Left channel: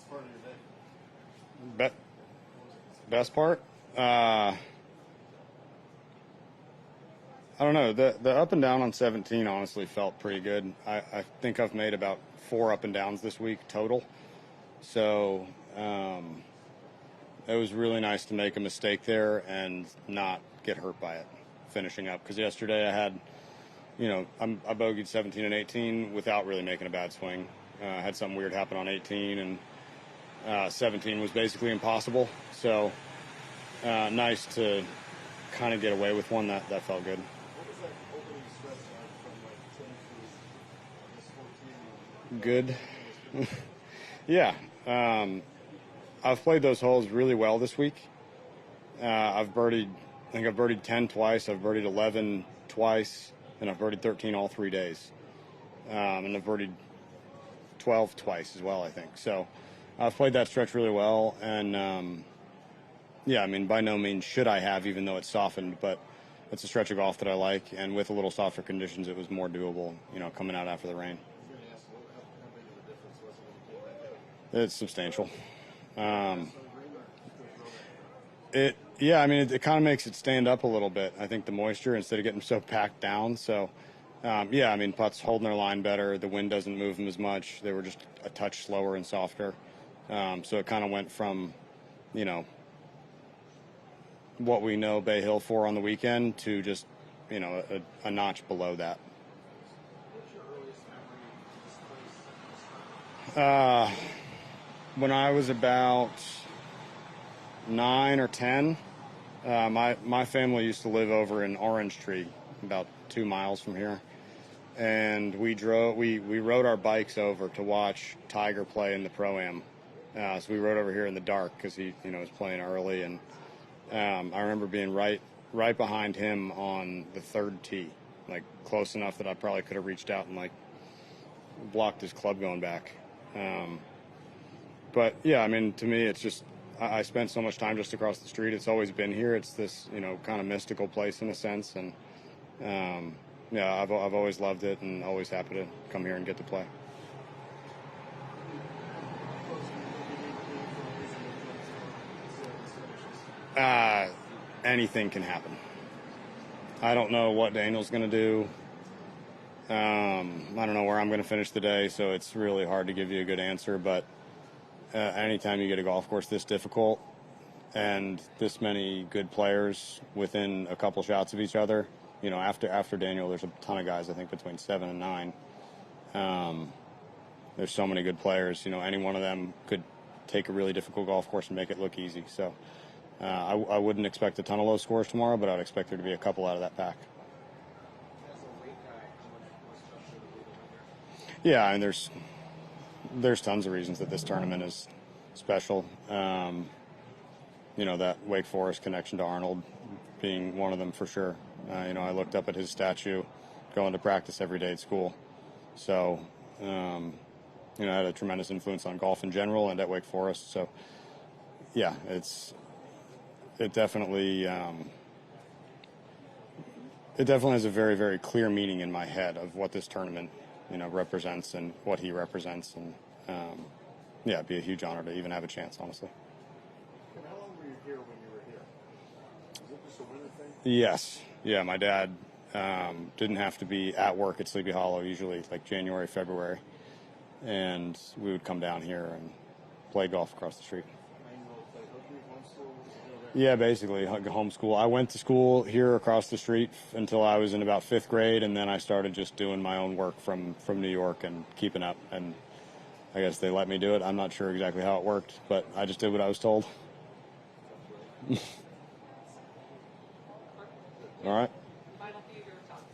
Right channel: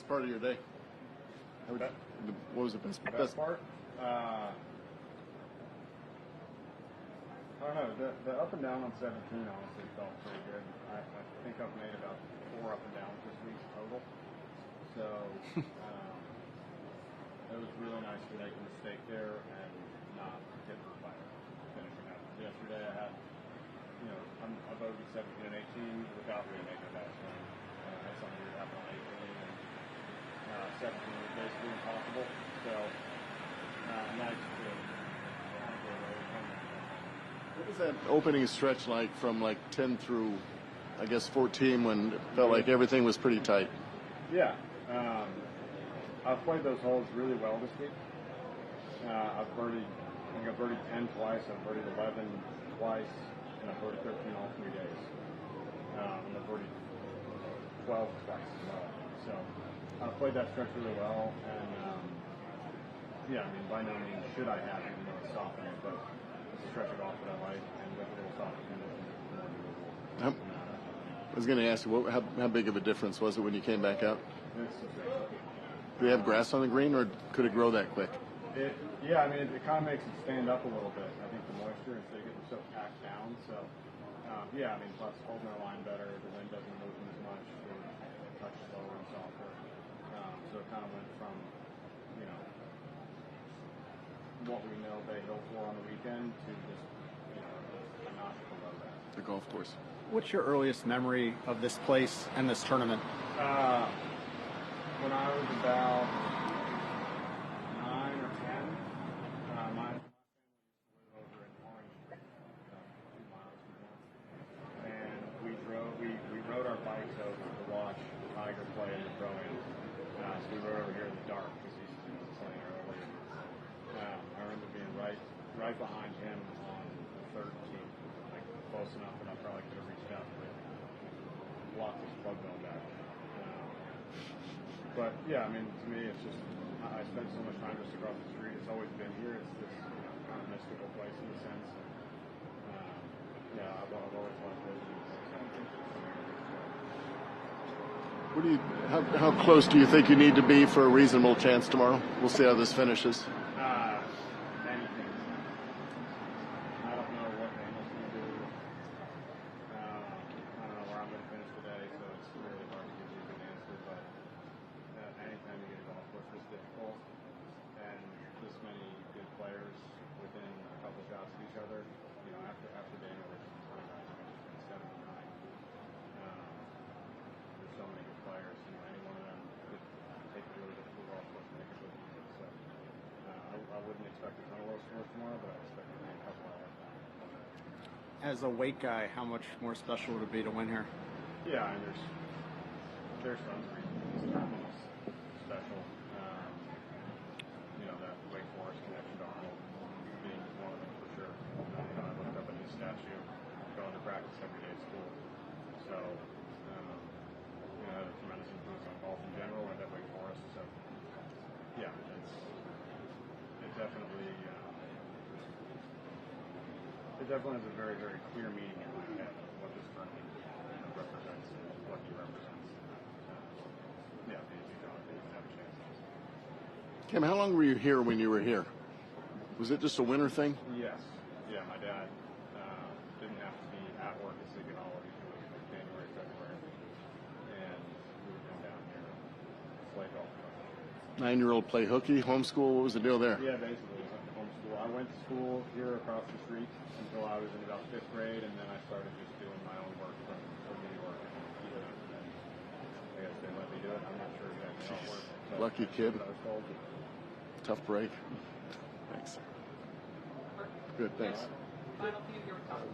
best part of your day? Be- What was the best part? I don't know. The up and down on 17 honestly felt pretty good. I think I've made about 4 up and downs this week total. So it was really nice to make a mistake there and not get hurt by it finishing up. Because yesterday I had, I bogeyed 17 and 18 without really making a bad swing. I had something weird happen on 18, and 17 was basically impossible. So nice to kind of get away with one. That felt good. What was that opening stretch like from 10 through, I guess, 14 when it felt like everything was pretty tight? Yeah. I've played those holes really well this week. I think I've birdied 10 twice. I've birdied 11 twice, and I've birdied 13 all 3 days. And I've birdied 12 twice as well, I think. So I've played that stretch really well. And, by no means should I have, even though it's softened. But it's a stretch of golf that I like. And with a little softer conditions, it was more doable, coming out after the rain. I was going to ask you, how big of a difference was it when you came back out? It's substantial. Do you have grass on the green, or could it grow that quick? It kind of makes it stand up a little bit. I think the moisture, instead of getting so packed down. So, putts holding their line better. The wind doesn't move them as much. They were just a touch slower and softer. So it kind of went from, what we know Bay Hill for on the weekend to just, a notch below that. The golf course. What's your earliest memory of this place and this tournament? When I was about 9 or 10, my family used to live over in Orange Tree, about 2 miles from here, and we rode our bikes over to watch Tiger play in the Pro-Am. So we rode over here in the dark because he was playing early, and I remember being right behind him on the third tee, close enough that I probably could have reached out and blocked his club going back. But yeah, to me, it's just I spent so much time just across the street. It's always been here. It's this kind of mystical place in a sense, and I've always loved it and always happy to come here and get to play. How close do you think you need to be for a reasonable chance tomorrow? We'll see how this finishes. Anything can happen. I don't know what Daniel's going to do. I don't know where I'm going to finish the day, so it's really hard to give you a good answer. But anytime you get a golf course this difficult and this many good players within a couple shots of each other, after Daniel, there's a ton of guys, I think, between 7 and 9. There's so many good players. Any one of them could take a really difficult golf course and make it look easy. So I wouldn't expect a ton of low scores tomorrow, but I'd expect there to be a couple out of that pack. As a Wake guy, how much more special would it be to win here? Yeah, and there's tons of reasons that this tournament is special. That Wake Forest connection to Arnold being one of them for sure. I looked up at his statue going to practice every day at school. So, it had a tremendous influence on golf in general and at Wake Forest. So, yeah, it definitely has a very, very clear meaning in my head of what this tournament, represents and what he represents. And, it'd be a huge honor to even have a chance, honestly. Kim, how long were you here when you were here? Was it just a winter thing? Yes. Yeah, my dad didn't have to be at work at Sleepy Hollow, usually January, February. And we would come down here and play golf across the street. 9-year-old play hooky, homeschool, what was the deal there? Yeah, basically, homeschool. I went to school here across the street until I was in about 5th grade, and then I started just doing my own work from New York and keeping up. And I guess they let me do it. I'm not sure exactly how it worked, but Lucky I just kid. did what I was told. Tough break. Thanks. Good, thanks. All right.